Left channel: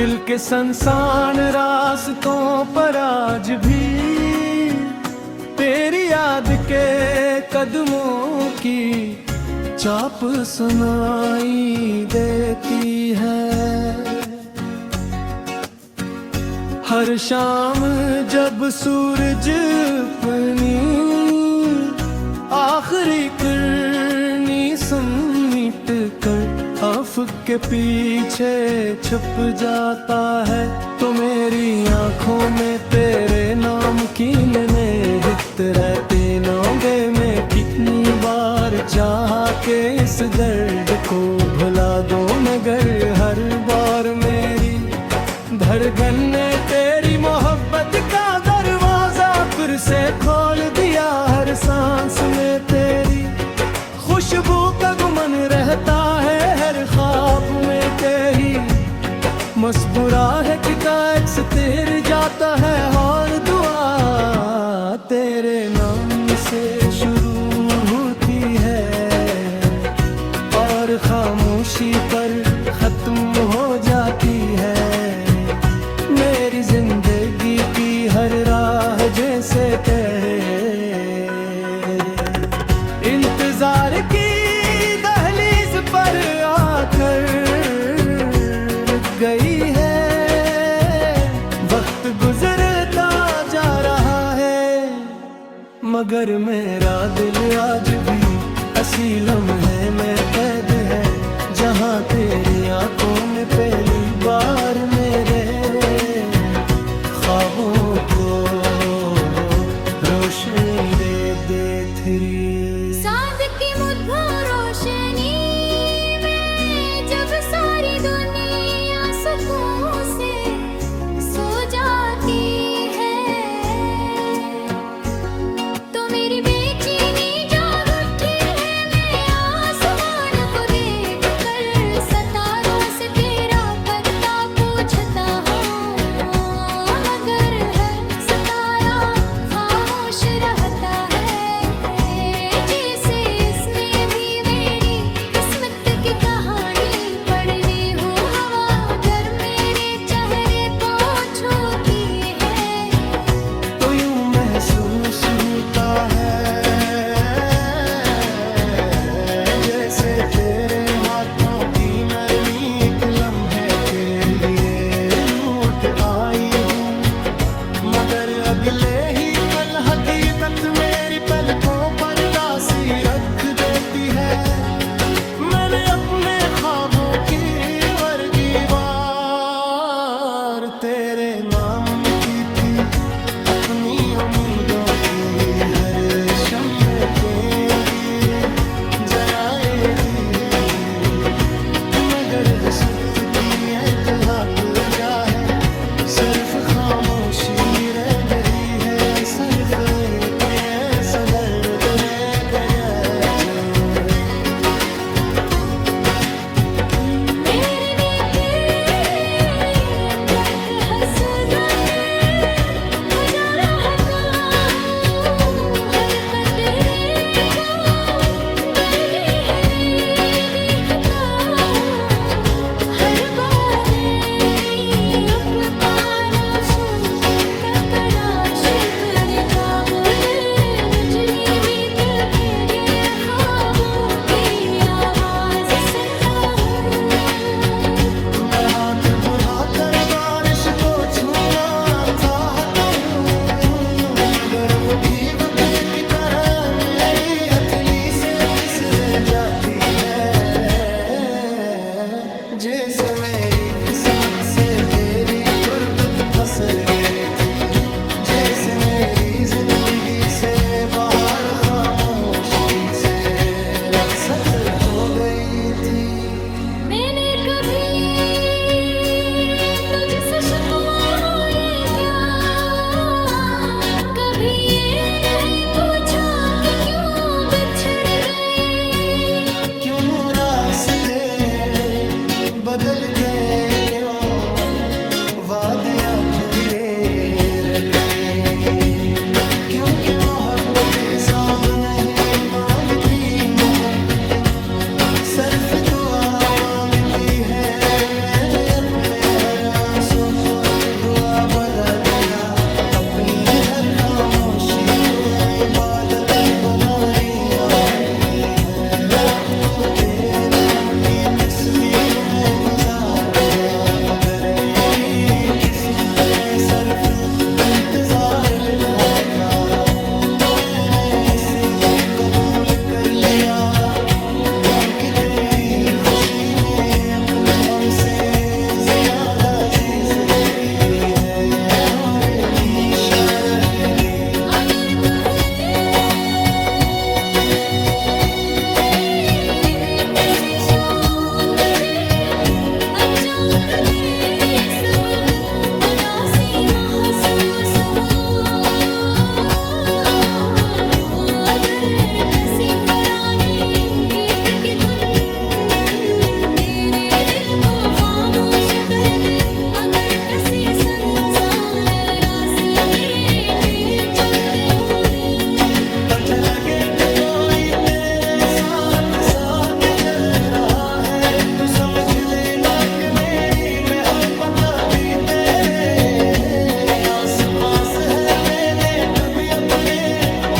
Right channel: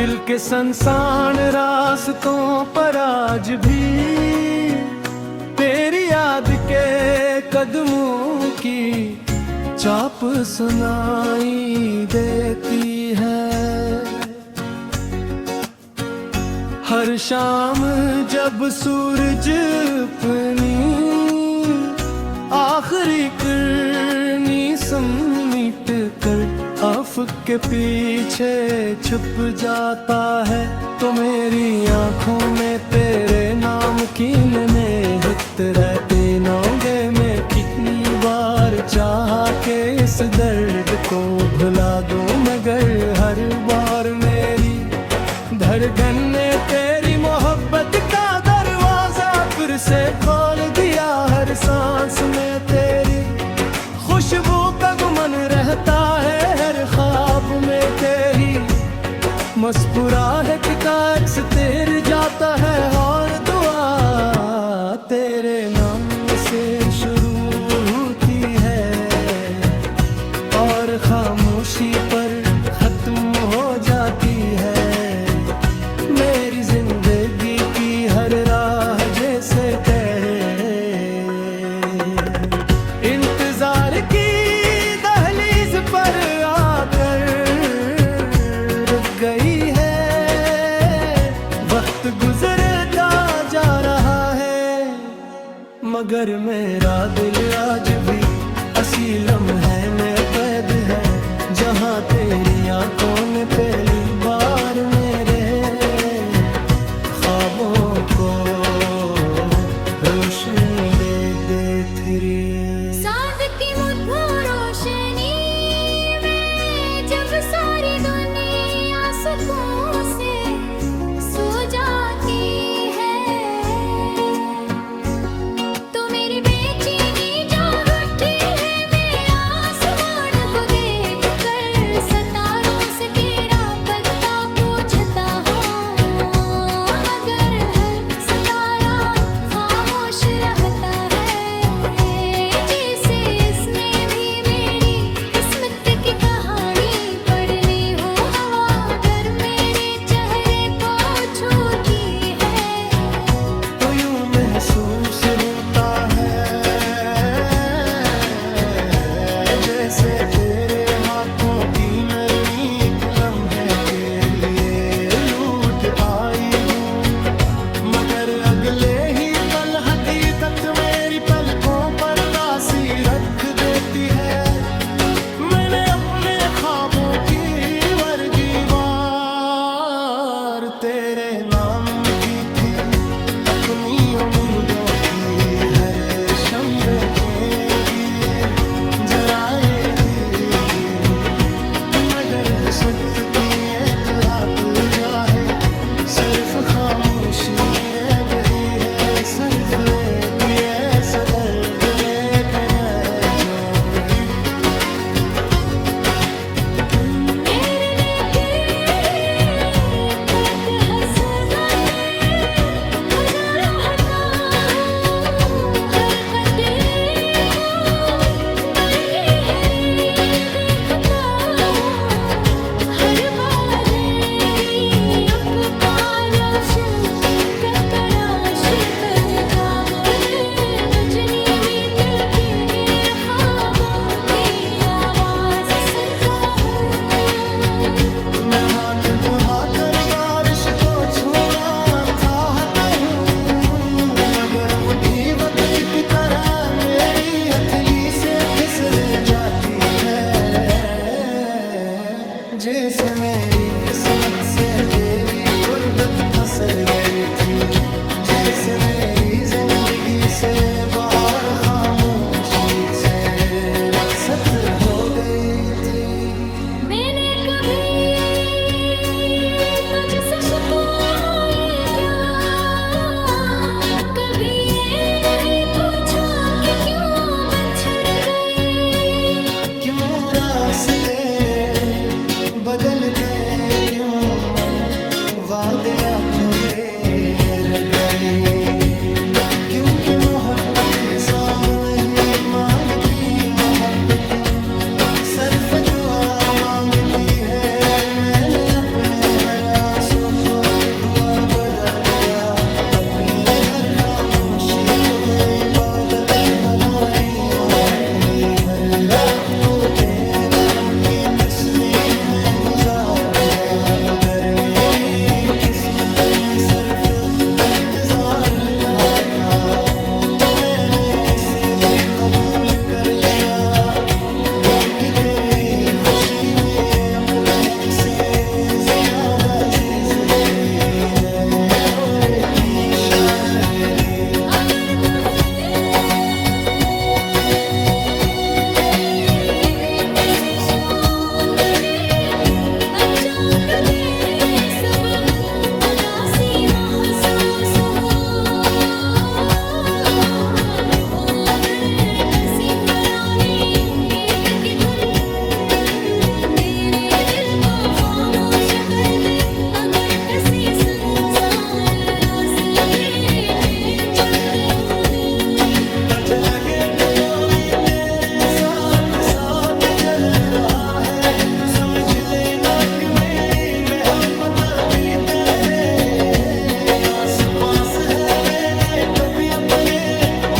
दिल के संसान रास्तों पर आज भी तेरी याद के कदमों की चाप सुनाई देती है। हर शाम जब सूरज अपनी आखिरी किरनी समेट कर अफ़क़ के पीछे छुप जाता है, तो मेरी आँखों में तेरे नाम की निहित रहते नौगे में कितनी बार चाहा के इस दर्द को भुला दो, मगर हर बार मेरी धड़कन ने तेरी मोहब्बत का दरवाजा फिर से खोल दिया। हर सांस में तेरी खुशबू का गुमन रहता है, हर ख्वाब में तेरी मुस्कुराहट का अक्स तेर जाता है, और दुआ तेरे नाम से शुरू होती है और खामोशी पर खत्म हो जाती है। मेरी जिंदगी की हर राह जैसे तेरे इंतजार की दहलीज पर आकर रुक गई है। वक्त गुजरता जा रहा है, मगर मेरा दिल आज भी असीलम है में कैद है, जहाँ तेरी आंखों ने पहली बार मेरे ख्वाबों को रोशनी दे थी। चांद की मुद्दों रोशनी में जब सारी दुनिया सुकून से सो जाती है, तो मेरी बेचैनी जाग उठी है। मैं आसमान को देख कर सितारों से तेरा पता पूछता हूँ, मगर हर सितारा खामोश रहता है, जैसे इसने भी मेरी किस्मत की कहानी पढ़ ली हो। हवा अगर मेरे चेहरे को छूती है, तो यूं महसूस होता है जैसे तेरे हाथों की नरमी एक लम्हे के लिए लूट आई हूँ, मगर अगले ही पल हकीकत मेरी पलकों पर दासी रख देती है। मैंने अपने ख्वाबों की वर्गी वार तेरे नाम की थी, अपनी उम्मीदों की हर शंबे के दिए जराएगी, मगर किस्मत की एक हक जाए सिर्फ खामोशी रह गई है। सिर्फ एक ऐसा दर्द रह गया जो हाथ बढ़ाकर बारिश को छूना चाहता हूँ, मगर वो भी वक्त की तरह मेरी हथेली से फिसल जाती है। जैसे मेरी किस्मत से तेरी गुर्बत फसल गई थी, जैसे मेरी जिंदगी से बाहर खामोशी से रखसत हो गई थी। मैंने कभी तुझसे शिकवाए क्या, कभी ये नहीं पूछा कि क्यों बिछड़ गए, क्यों रास्ते बदल गए, क्यों वादे अधूरे रह गए, क्योंकि मोहब्बत हिसाब नहीं मांगती, मोहब्बत सर्फ दुआ मांगती है, मैंने अपने हर आंसू को दुआ बना दिया। अपनी हर खामोशी को इबादत बना रही आंखें, हर रात को तेरे नाम की तस्बीह में गुजार जा। अगर मेरी किस्मत में सिर्फ इंतजार लिखा था, तो मैंने ऐसे भी कबूल कर लिया, क्योंकि तेरी खुशी मेरे अपने गम से ज्यादा अजीज थी है और हमेशा रहेगी। अगर कभी किसी शाद में अचानक बेसबब उदासी महसूस हो, अगर किसी पुराने गीत की धुन तेरे दिल को खामोश कर दे, अगर किसी संसार रास्ते तेरे चलते होने, मुझे लगे कि कोई तेरे साथ साथ चल रहा है, तू समझ लेना कि मेरी मोहब्बत भी तेरे आस पास है। मैंने कभी अपने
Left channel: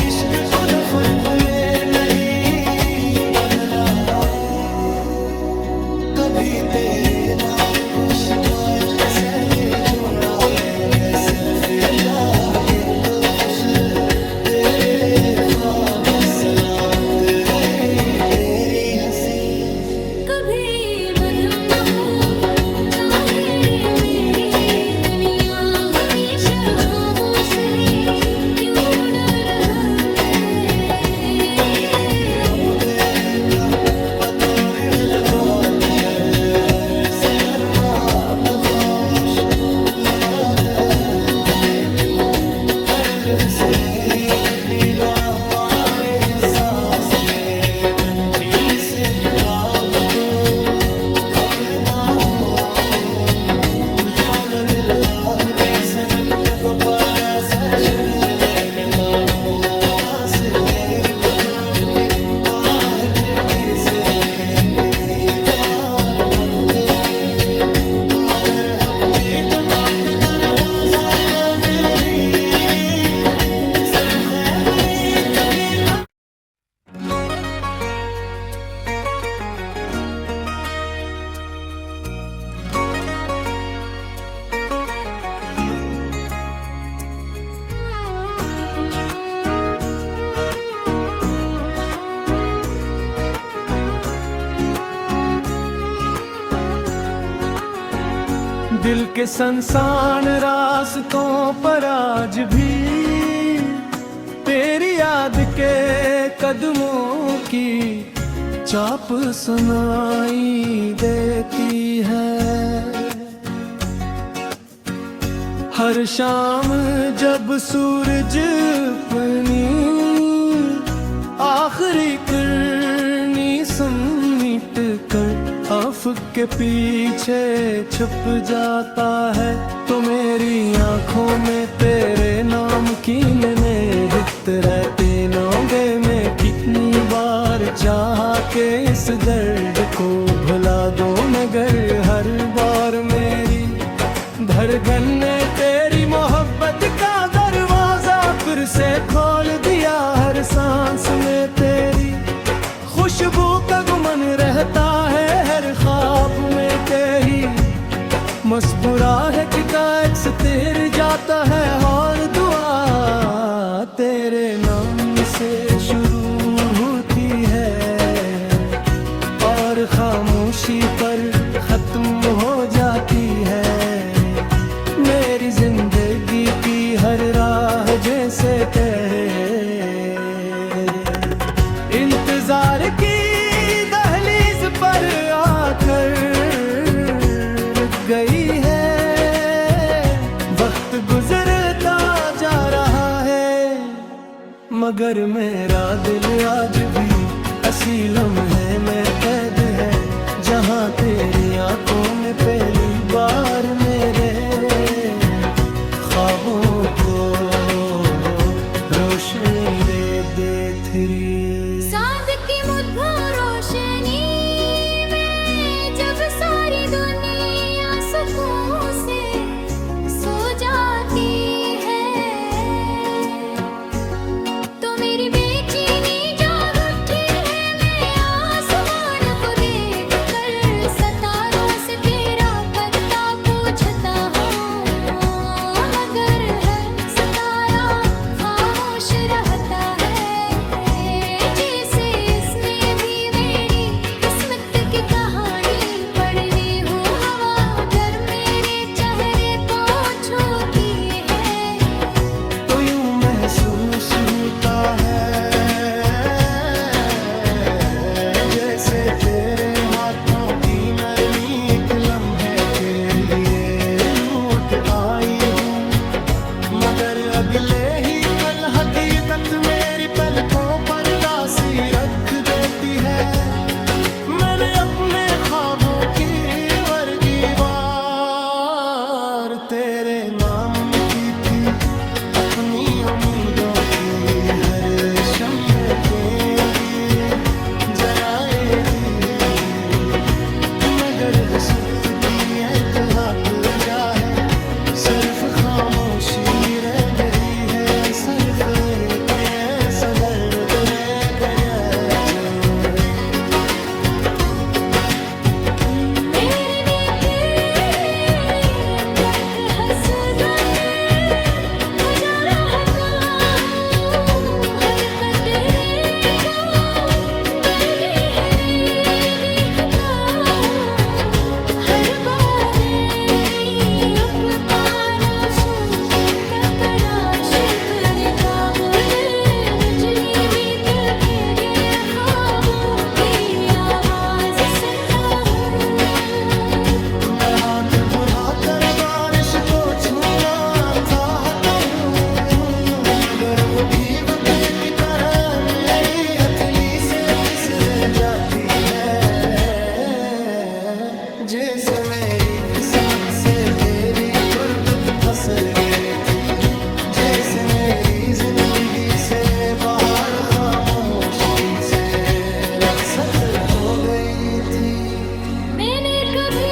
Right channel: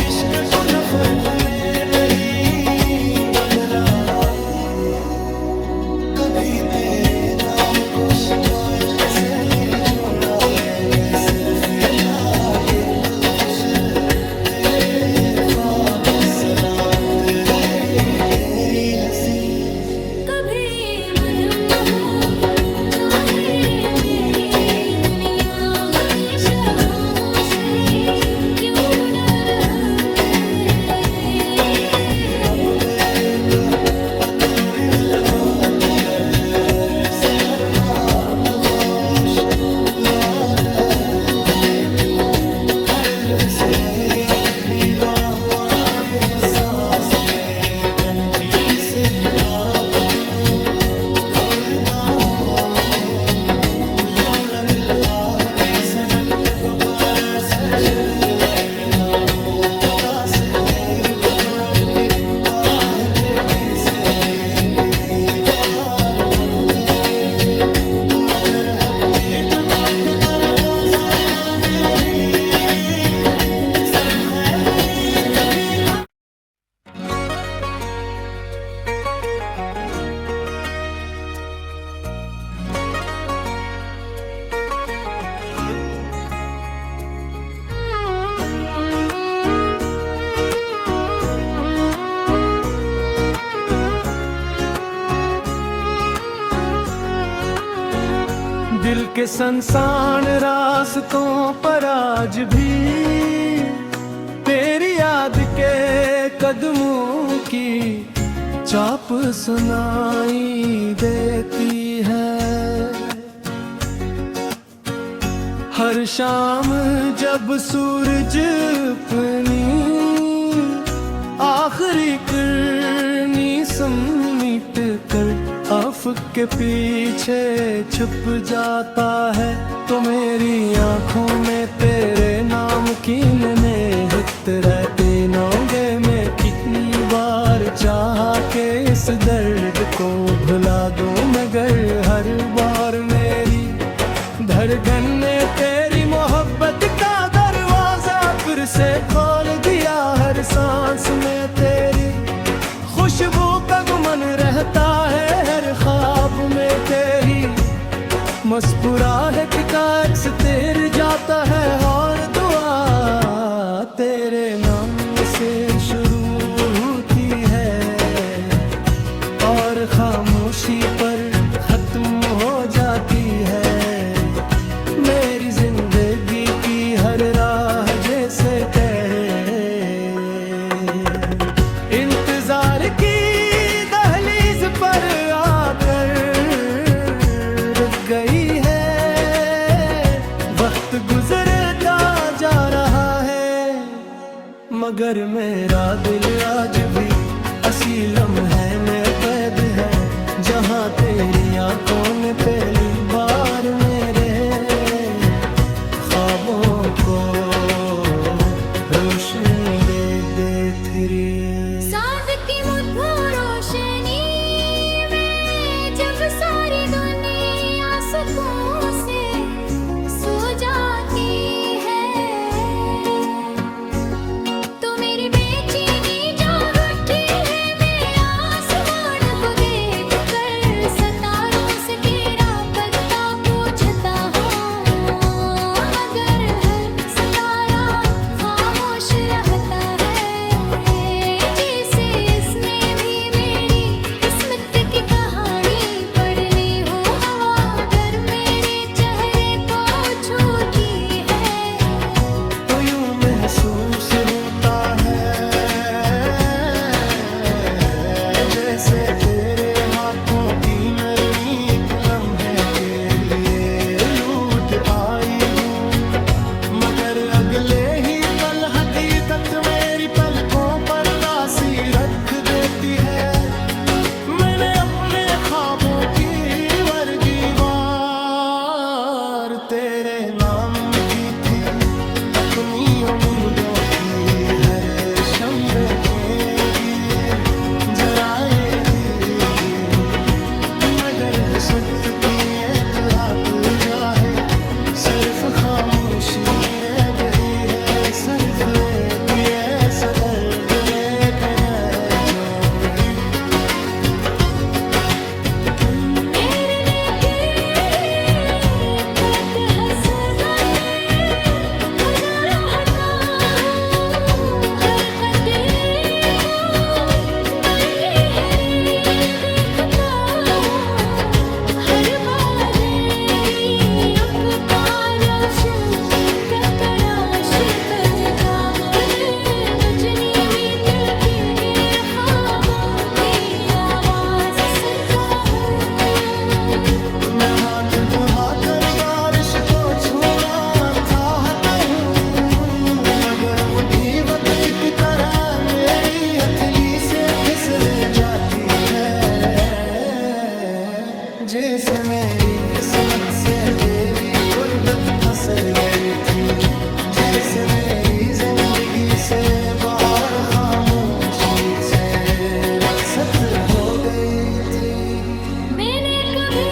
इश्क को नफरत में नहीं बदला, कभी तेरे नाम को शिकायत से नहीं जोड़ा। मैंने सिर्फ ये चाहा कि तू खुश रहे, तेरे ख्वाब सलामत रहे, तेरी हंसी कभी मध्यम न हो, चाहे मेरी दुनिया हमेशा खामोश है, क्यों डर होते अब बेका पतोरी में लगात कर, हर सकर मात खामोश बात है। हर लफ्ज़ में दीदा हुआ एहसास में, मैं कभी से बेताब को खोलता हूँ, यूं लग रहा है जैसे दक्कत पर ऐसे शिर ले लेता हूँ। से तेरे तक मुक्ति ताहत किसे तेरी यार भगते, मगर हफ्ते तक दर हो जाती सर खैबरी दिल के संसान रास्तों पर आज भी तेरी याद के कदमों की चाप सुनाई देती है। हर शाम जब सूरज अपनी आखिरी किरनी समेट कर आफक के पीछे छुप जाता है, तो मेरी आंखों में तेरे नाम की निहित रहते नौगे में कितनी बार चाहा के इस दर्द को भुला दूं, मगर हर बार मेरी धड़कन ने तेरी मोहब्बत का दरवाजा फिर से खोल दिया। हर सांस में तेरी खुशबू का गुमन रहता है, हर ख्वाब में तेरी मुस्कुराहट का अक्स तेर जाता है, और दुआ तेरे नाम से शुरू होती है और खामोशी पर खत्म हो जाती है। मेरी जिंदगी की हर राह जैसे तेरे इंतजार की दहलीज पर आकर रुक गई है। वक्त गुजरता जा रहा है, मगर मेरा दिल आज भी असी लम्हे में कैद है, जहाँ तेरी आंखों ने पहली बार मेरे ख्वाबों को रोशन दे थी। चांद की मुद्दों रोशनी पर्दा सी रख देती है। मैंने अपने ख्वाबों की वर्गी वार तेरे नाम की थी, अपनी उम्मीदों की हर शंबे के दिए जराएगी, मगर किस्मत की एक हक जाहे सिर्फ खामोशी रह गई है। सिर्फ एक ऐसा दर्द रह गया जो हाथ बढ़ाकर बारिश को छूना चाहता हूँ, मगर वो भी वक्त की तरह मेरी हथेली से फिसल जाती है। जैसे मेरी किस्मत से तेरी गुर्बत फसल गई थी, जैसे मेरी जिंदगी से बाहर खामोशी से रखसत हो गई थी। मैंने कभी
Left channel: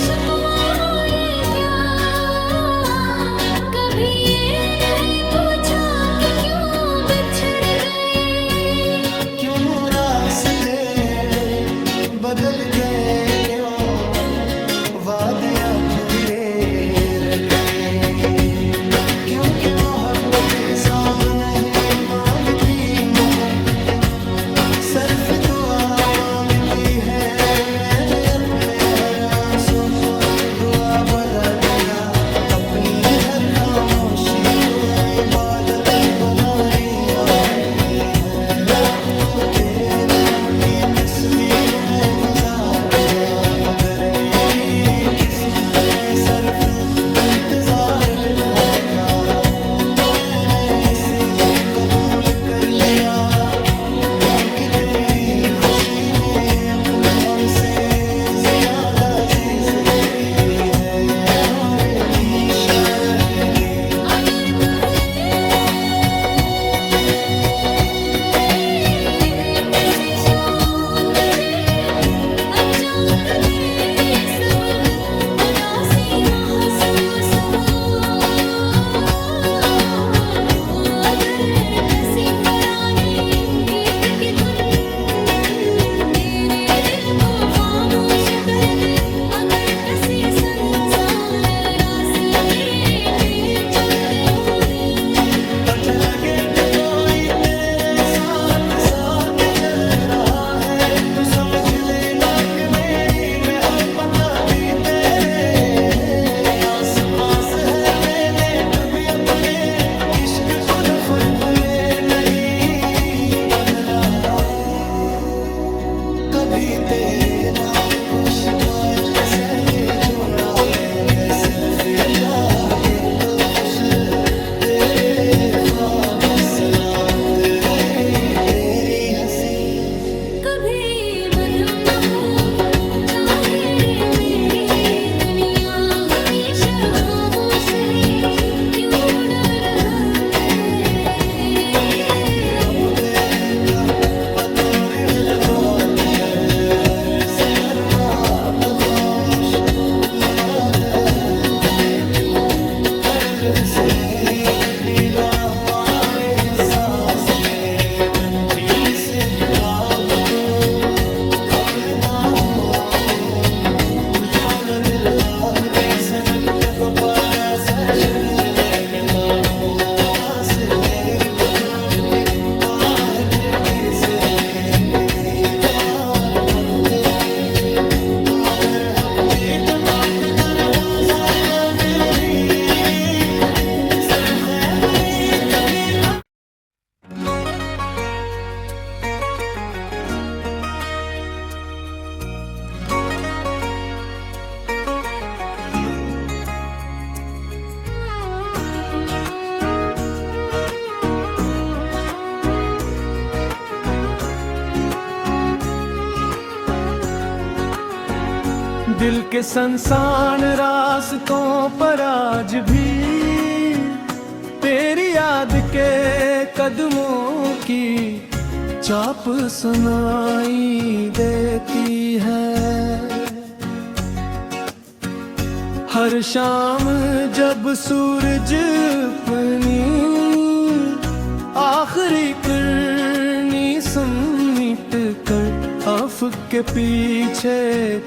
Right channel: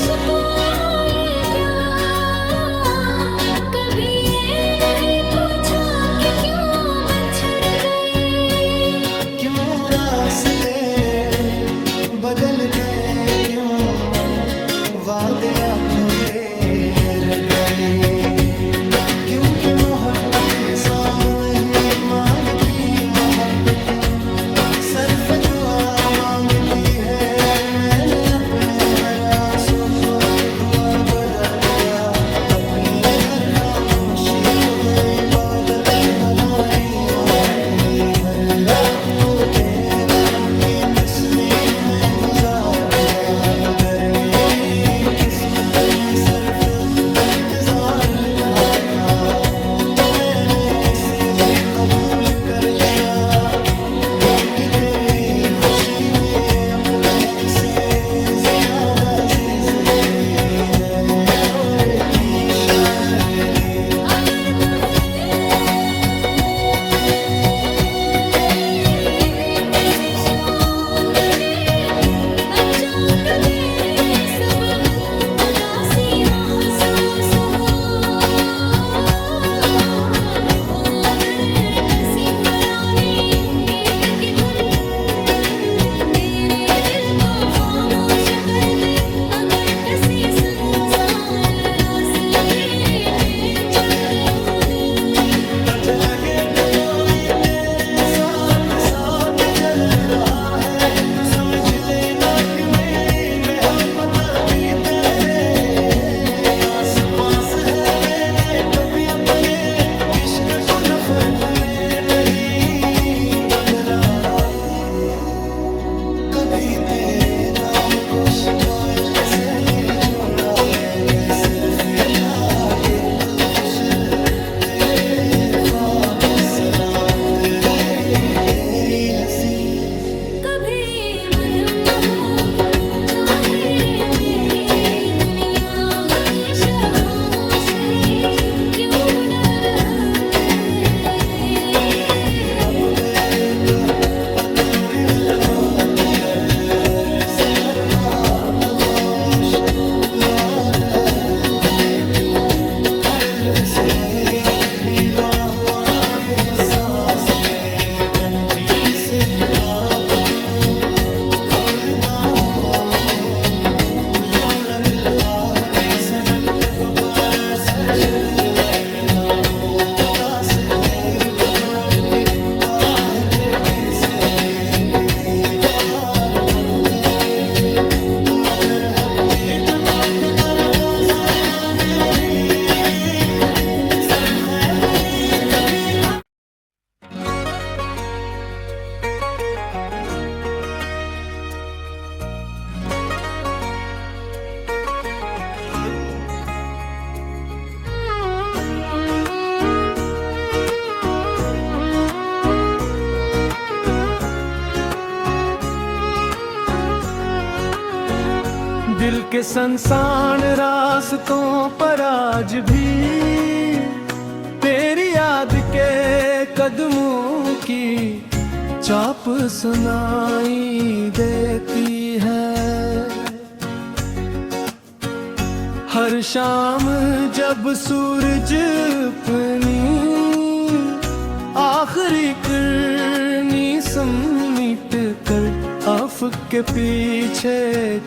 शिकवा ये क्या, कभी ये नहीं पूछा कि क्यों बिछड़ गए, क्यों रास्ते बदल गए, क्यों वादे अधूरे रह गए, क्योंकि मोहब्बत हिसाब नहीं मांगती, मोहब्बत सिर्फ दुआ मांगती है। मैंने अपने हर आंसू को दुआ बना दिया, अपनी हर खामोशी को इबादत बना लिया। हर रात को तेरे नाम की तस्बीह में गुजार जा, अगर मेरी किस्मत में सिर्फ इंतजार लिखा था तो मैंने ऐसे भी कबूल कर लिया, क्योंकि तेरी खुशी मेरे अपने गम से ज्यादा अजीज की है और हमेशा रहेगी। अगर कभी किसी शाम तुझे अचानक बेसबब उदासी महसूस हो, अगर किसी पुराने गीत की धुन तेरे दिल को खामोश कर दे, अगर किसी संसार रास्ते तेरे चलते होने, तुझे लगे कि कोई तेरे साथ साथ चल रहा है, तू समझ लेना कि मेरी मोहब्बत भी तेरे आस पास है। मैंने कभी अपने इश्क को नफरत में नहीं बदला, कभी तेरे नाम को शिकायत से नहीं जोड़ा। मैंने सिर्फ ये चाहा कि तू खुश रहे, तेरे ख्वाब सलामत रहे, तेरी हंसी कभी मध्यम न हो, चाहे मेरी दुनिया हमेशा खामोश है, क्यों डर होते अब बेका पतोरी में लगात कर, हर सतर मात खामोश रात है, हर लफ्ज़ में दीदा हुआ है सांस में, मैं कभी से किताब को खोलता हूँ, यूं दिल है जैसे दक्कत पर ऐसे शिरने लिखा वो से तेरे पुत मुक्ति का है किसे करीबार भगते, मगर हफ्ते का दुख कर हो जाता तेरी सर खैबरी का। दिल के संसान रास्तों पर आज भी तेरी याद के कदमों की चाप सुनाई देती है। हर शाम जब सूरज अपनी आखिरी किरनी समेट कर आफक के पीछे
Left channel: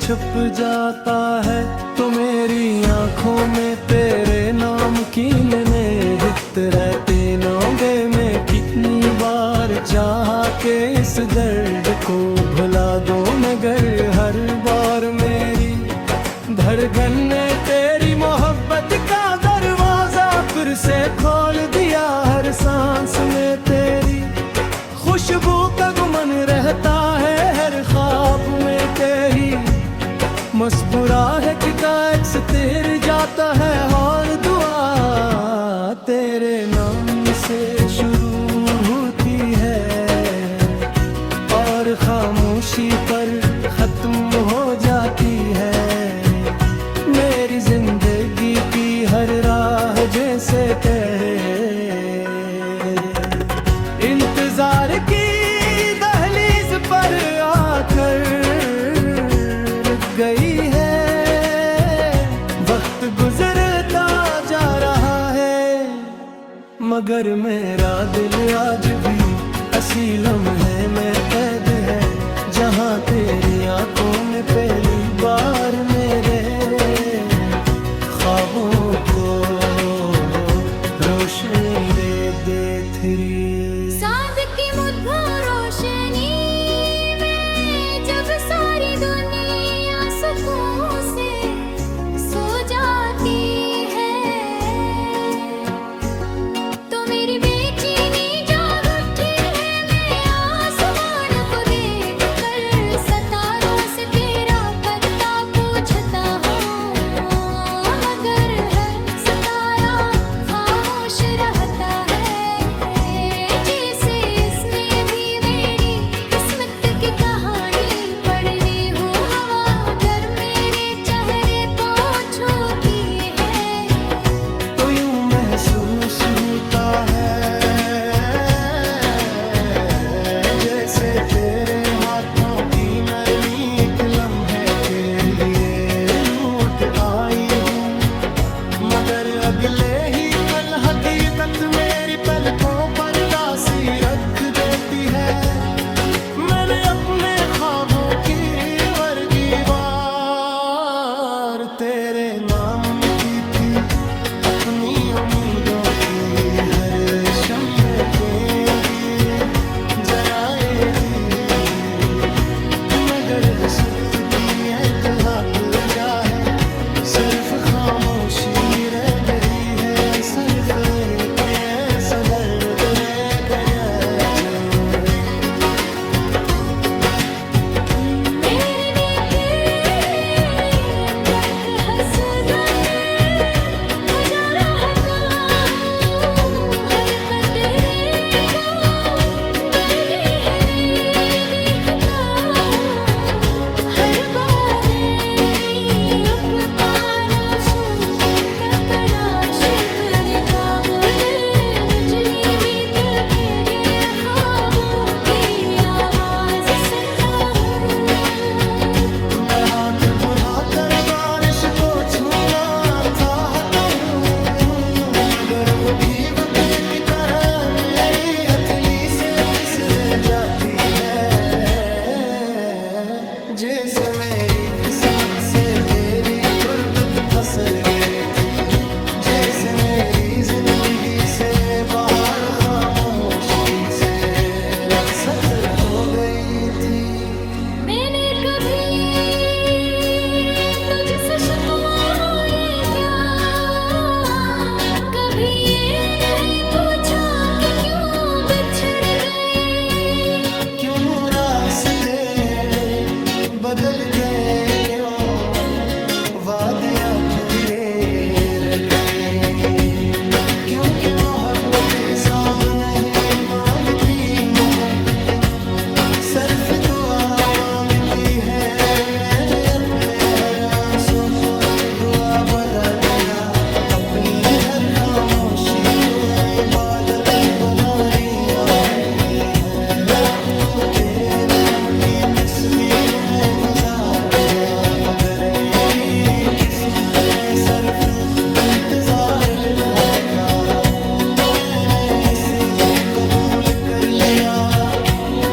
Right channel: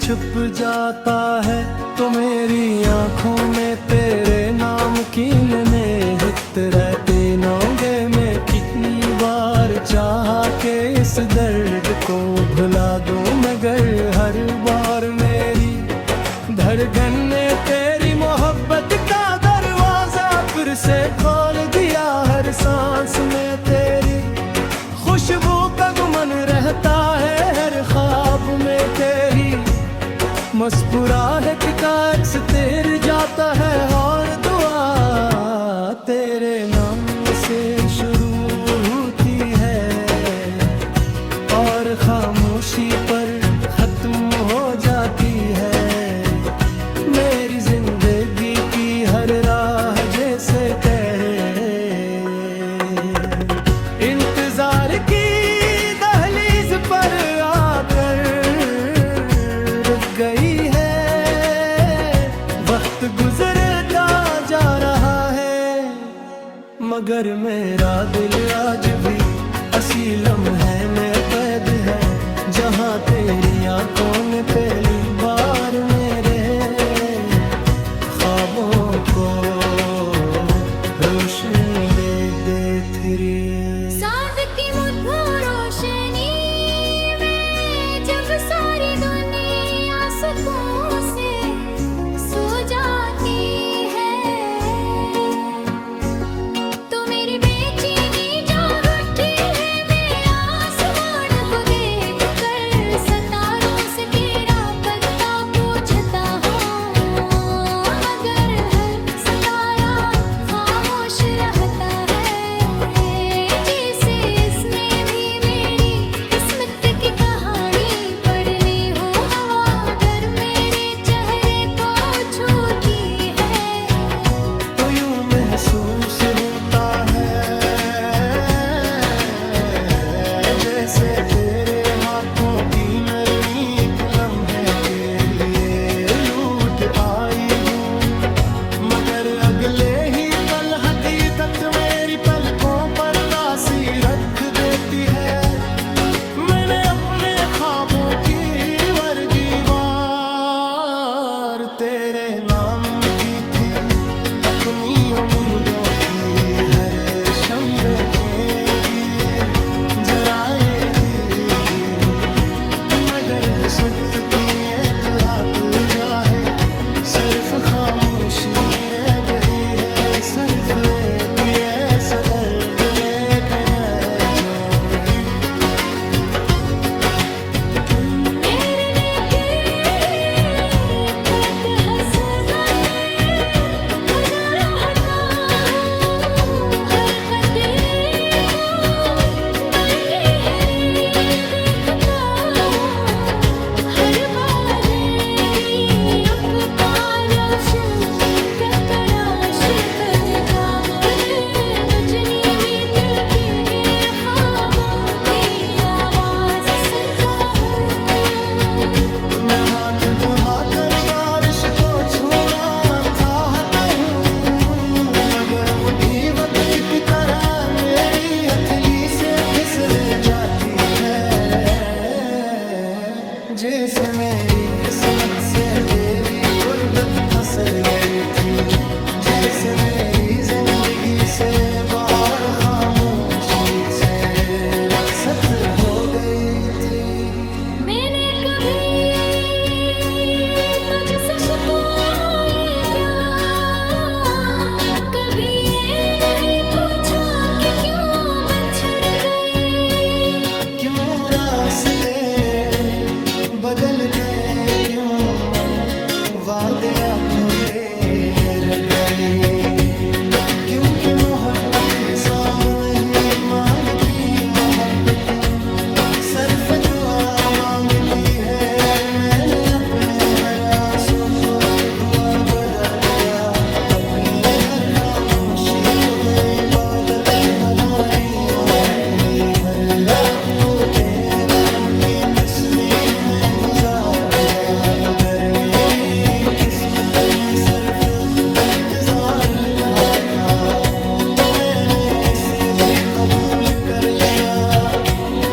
छुप जाता है, तो मेरी आंखों में तेरे नाम की निहित रहते नौगे में कितनी बार चाहा के इस दर्द को भुला दूं, मगर हर बार मेरी धड़कन ने तेरी मोहब्बत का दरवाजा फिर से खोल दिया। हर सांस में तेरी खुशबू का गुमन रहता है, हर ख्वाब में तेरी मुस्कुराहट का अक्स तेर जाता है, और दुआ तेरे नाम से शुरू होती है और खामोशी पर खत्म हो जाती है। मेरी जिंदगी की हर राह जैसे तेरे इंतजार की दहलीज पर आकर रुक गई है। वक्त गुजरता जा रहा है, मगर मेरा दिल आज भी असीलम है में कैद है, जहाँ तेरी आंखों ने पहली बार मेरे ख्वाबों को रोशनी दे थी। चांद की मुद्दों रोशनी में जब सारी दुनिया सुकून से सो जाती है, तो मेरी बेचैनी जाग उठी है। मैं आसमान को देख कर सितारों से तेरा पता पूछता हूँ, मगर हर सितारा खामोश रहता है, जैसे इसने भी मेरी किस्मत की कहानी पढ़ ली हो। हवा अगर मेरे चेहरे को छूती है, तो यूं महसूस होता है जैसे तेरे हाथों की नरमी एक लम्हे के लिए लूट आई हूँ, मगर अगले ही पल हकीकत मेरी पलकों पर दासी रख देती है। मैंने अपने ख्वाबों की वर्गी वार तेरे नाम की थी, अपनी उम्मीदों की हर शंबे के दिए जराए दी, मगर किस्मत की एतहाब जाहे सिर्फ खामोशी रह गई है। सिर्फ एक ऐसा दर्द रह गया जो मेरे नेके पत हसरते मजा रहता हूँ, हर कतरे को बरगे हरे देखता हूँ, हर बादरी उपतारश तपराश कर काबुल बजरी में तके गए ख्वाबों की आवाज सुनता हूँ। मैं हाथ बढ़ाकर बारिश को छूना चाहता हूँ, मगर वो भी वक्त की तरह मेरी हथेली से फिसल जाती है। जैसे मेरी किस्मत से तेरी गुर्बत फसल गई थी, जैसे मेरी जिंदगी से बाहर खामोशी से रखसत हो गई थी। मैंने कभी तुझसे शिकवाए क्या, कभी ये नहीं पूछा कि क्यों बिछड़ गए, क्यों रास्ते बदल गए, क्यों वादे अधूरे रह गए, क्योंकि मोहब्बत हिसाब नहीं मांगती, मोहब्बत सर्फ दुआ मांगती है। मैंने अपने हर बदल दिया, अपनी हर खामोशी को इबादत बना रही आंखें। हर रात को तेरे नाम की तस्बीह में गुजार जा। अगर मेरी किस्मत में सिर्फ इंतजार लिखा था तो मैंने ऐसे भी कबूल कर लिया,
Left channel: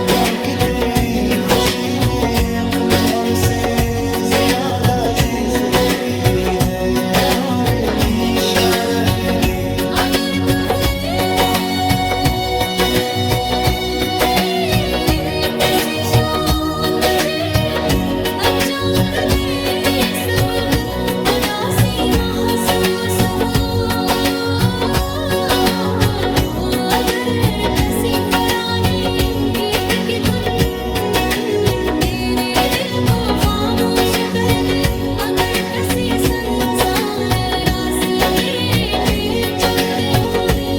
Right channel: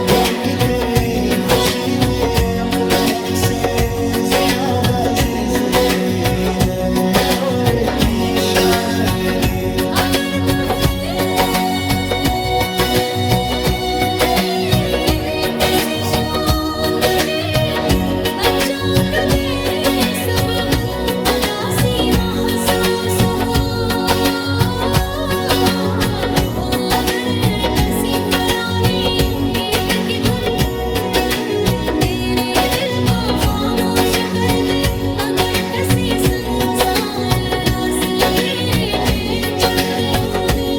क्योंकि तेरी खुशी मेरे अपने गम से ज्यादा अजीज थी है और इशारा भी। अगर कभी किसी शाद में अचानक बेसबब उदासी महसूस हो, अगर किसी पुराने गीत की धुन तेरे दिल को खामोश कर दे, अगर किसी संसार रास्ते पे चलते होने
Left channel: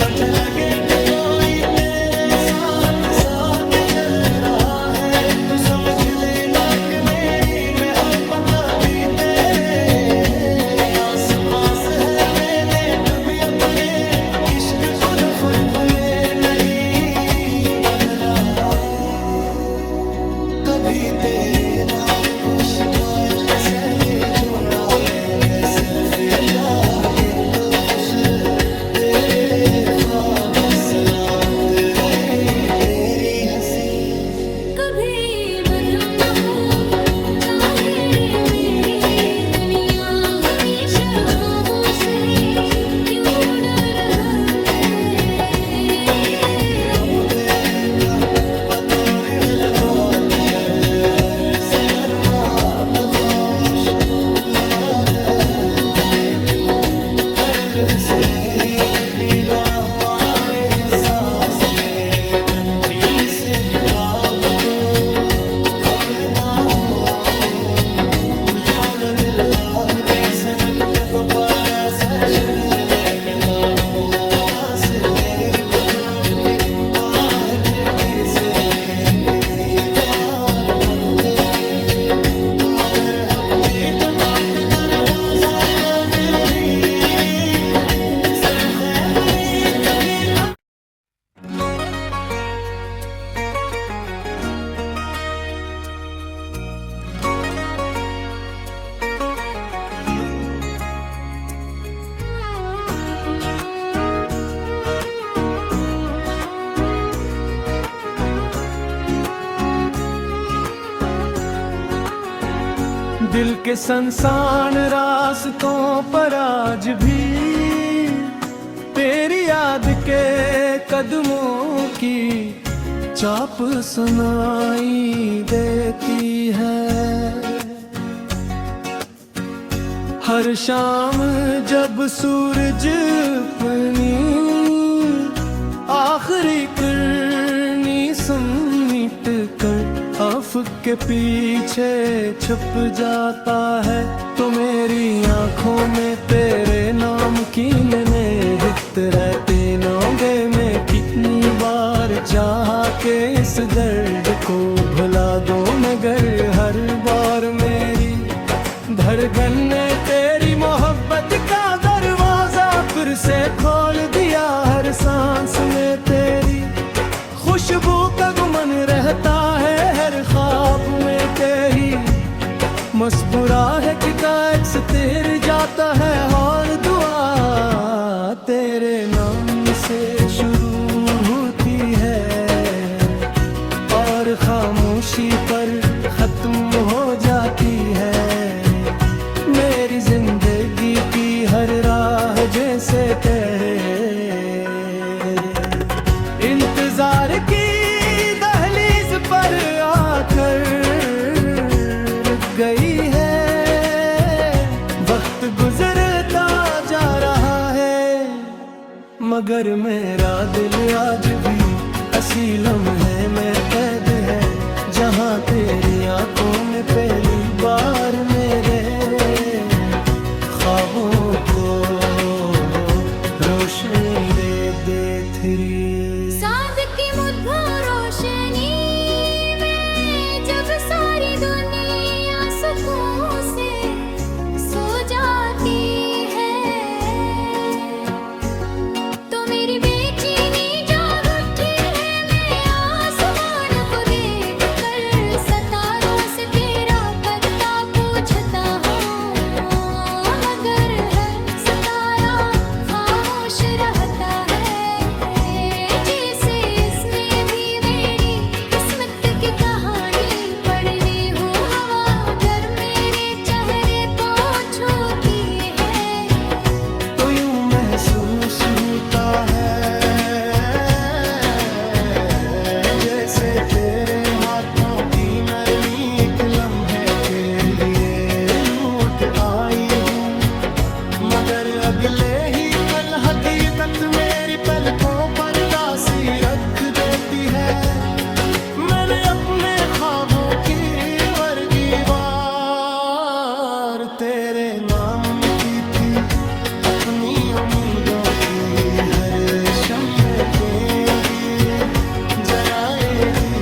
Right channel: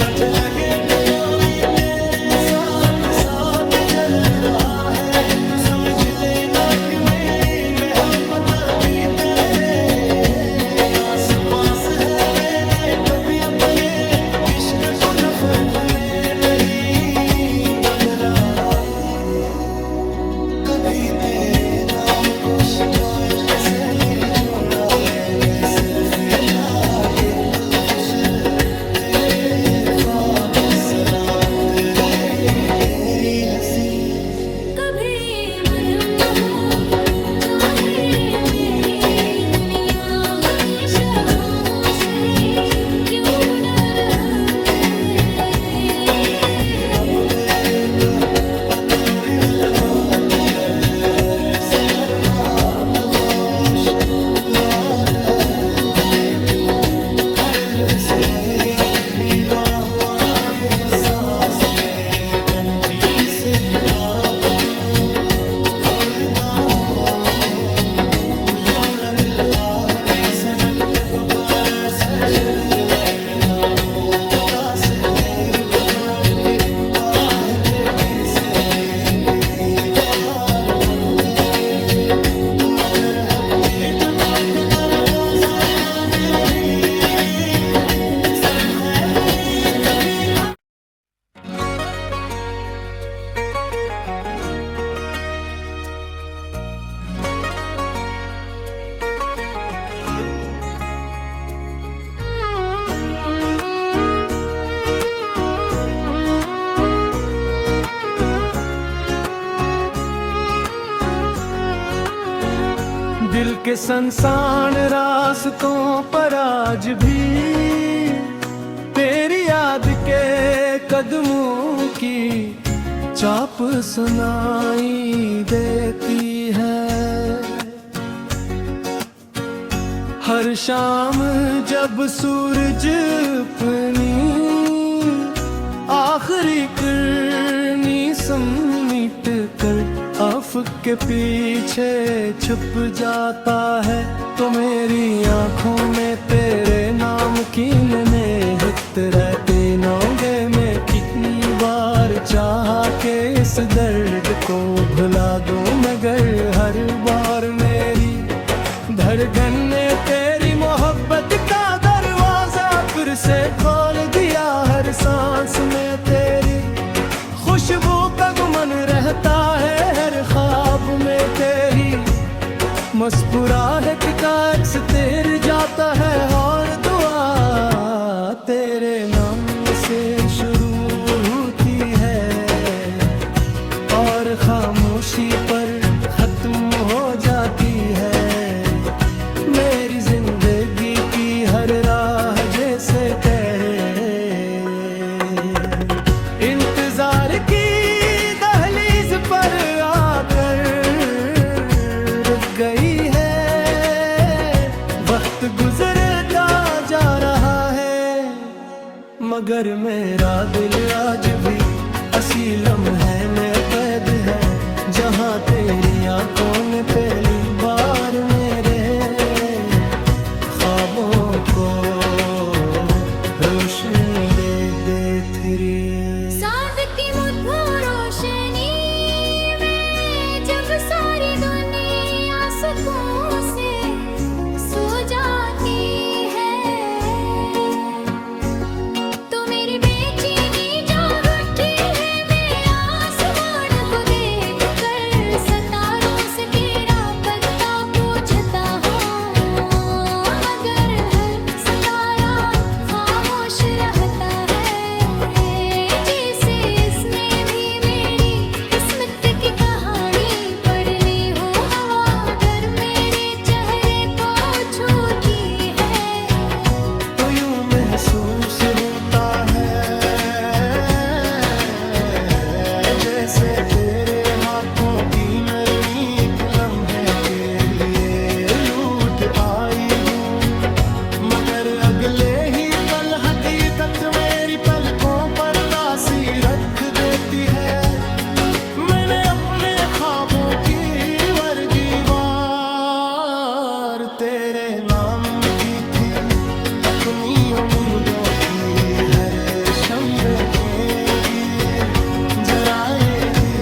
तुझे लगे कि कोई तेरे साथ साथ चल रहा है, तो समझ लेना कि मेरी मोहब्बत भी तेरे आस पास है। मैंने कभी अपने इश्क को नफरत में नहीं बदला, कभी तेरे नाम को शिकायत से नहीं जोड़ा। मैंने सिर्फ ये चाहा कि तू खुश रहे, तेरे ख्वाब सलामत रहे, तेरी हंसी कभी मधुम न हो, चाहे मेरी दुनिया हमेशा खामोश है, क्यों डर होते अब बेका पतोरी में लगात कर। हर सफर मात खामोश रात है, हर लुत्स में एक दीदार हुआ है सांस में। मैं कभी से किताब को खोलता हूँ, यूं दिल है जैसे दक्कत पर ऐसे शिरने लेता हूँ। काश तेरे कुछ मुक्ति आहत किसे करीब यार होते, मगर हफ्ती टूट कर हो जाता तेरी सर खैबरी की तक। दिल के संसान रास्तों पर आज भी तेरी याद के कदमों की चाप सुनाई देती है। हर शाम जब सूरज अपनी आखिरी किरनी समीट कर आफक के पीछे छुप जाता है, तो मेरी आंखों में तेरे नाम की निहित रहते नौगे में कितनी बार चाहा के इस दर्द को भुला दूं, मगर हर बार मेरी धड़कन ने तेरी मोहब्बत का दरवाजा फिर से खोल दिया। हर सांस में तेरी खुशबू का गुमन रहता है, हर ख्वाब में तेरी मुस्कुराहट का अक्स तेर जाता है, और दुआ तेरे नाम से शुरू होती है और खामोशी पर खत्म हो जाती है। मेरी जिंदगी की हर राह जैसे तेरे इंतजार की दहलीज पर आकर रुक गई है। वक्त गुजरता जा रहा है, मगर मेरा दिल आज भी असीलम है में कैद है, जहाँ तेरी आंखों ने पहली बार मेरे ख्वाबों को रोशनी दे थी। साद की मुद्दों रोशनी में जब सारी दुनिया सुकून से सो जाती से तेरे हाथों की नरमी एक लम्हे के लिए लूट आई हूँ, मगर अगले ही पल हकीकत मेरी पलकों पर दासी रख देती है। मैंने अपने ख्वाबों की वर्गी वार तेरे नाम की थी, अपनी उम्मीदों की हर शंबे के दिए जराएगी,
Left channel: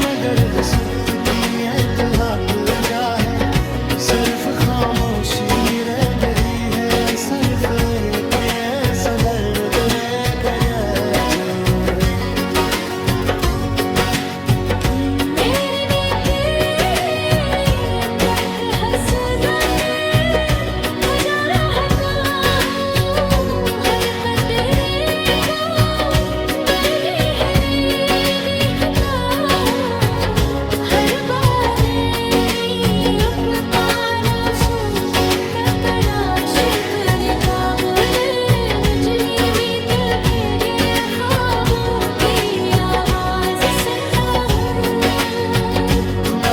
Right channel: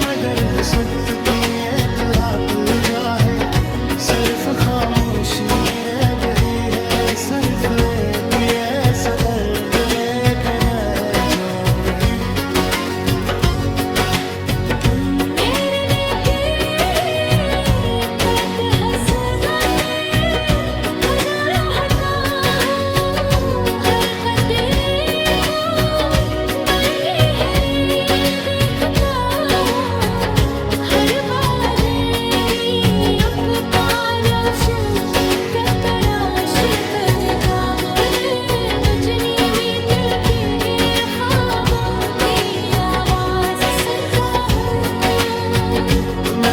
मगर किस्मत की एक लाख जाए सिर्फ खामोशी रह गई है, सिर्फ एक ऐसा दर्द रह गया जो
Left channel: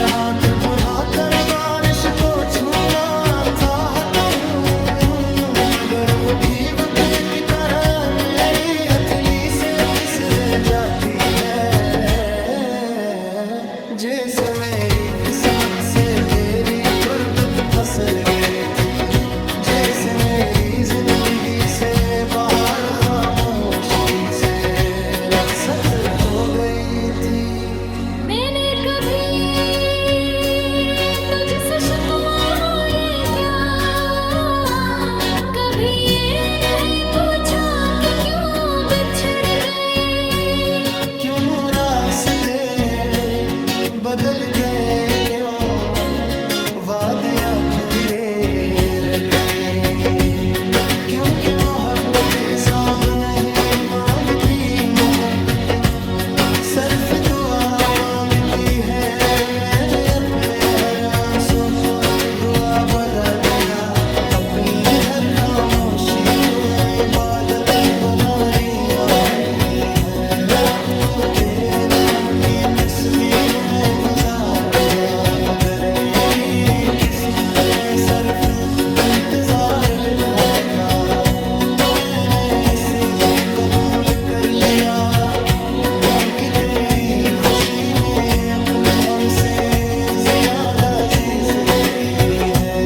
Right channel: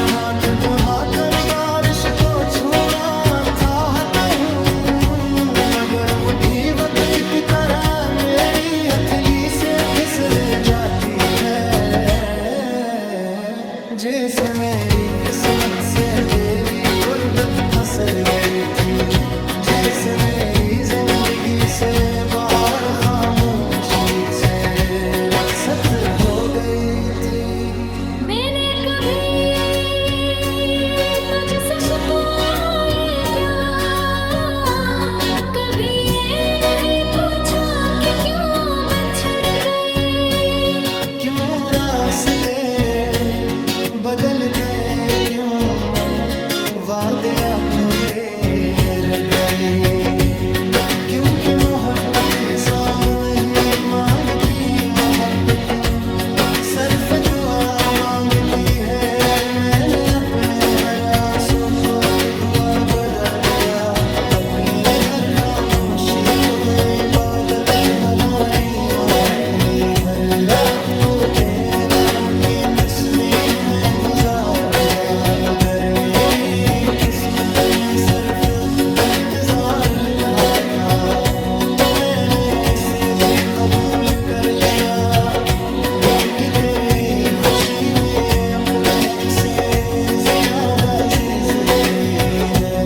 हाथ बढ़ा कर बारिश को छूना चाहता हूँ, मगर वो भी वक्त की तरह मेरी हथेली से फिसल जाती है। जैसे मेरी किस्मत से तेरी गुर्बत फसल गई थी, जैसे मेरी जिंदगी से बाहर खामोशी से रखसत हो गई थी। मैंने कभी तुझसे शिकवाए क्या, कभी ये नहीं पूछा कि क्यों बिछड़ गए, क्यों रास्ते बदल गए, क्यों वादे अधूरे रह गए, क्योंकि मोहब्बत हिसाब नहीं मांगती, मोहब्बत सिर्फ दुआ मांगती है। मैंने अपने हर आंसू को दुआ बना दिया, अपनी हर खामोशी को इबादत बना लिया, हर रात को तेरे नाम की तस्बीह में गुजार जा। अगर मेरी किस्मत में सिर्फ इंतजार लिखा था तो मैंने ऐसे भी कबूल कर लिया, क्योंकि तेरी खुशी मेरे अपने गम से ज्यादा अजीज थी है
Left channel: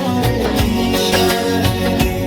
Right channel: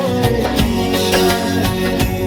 और निशान दी।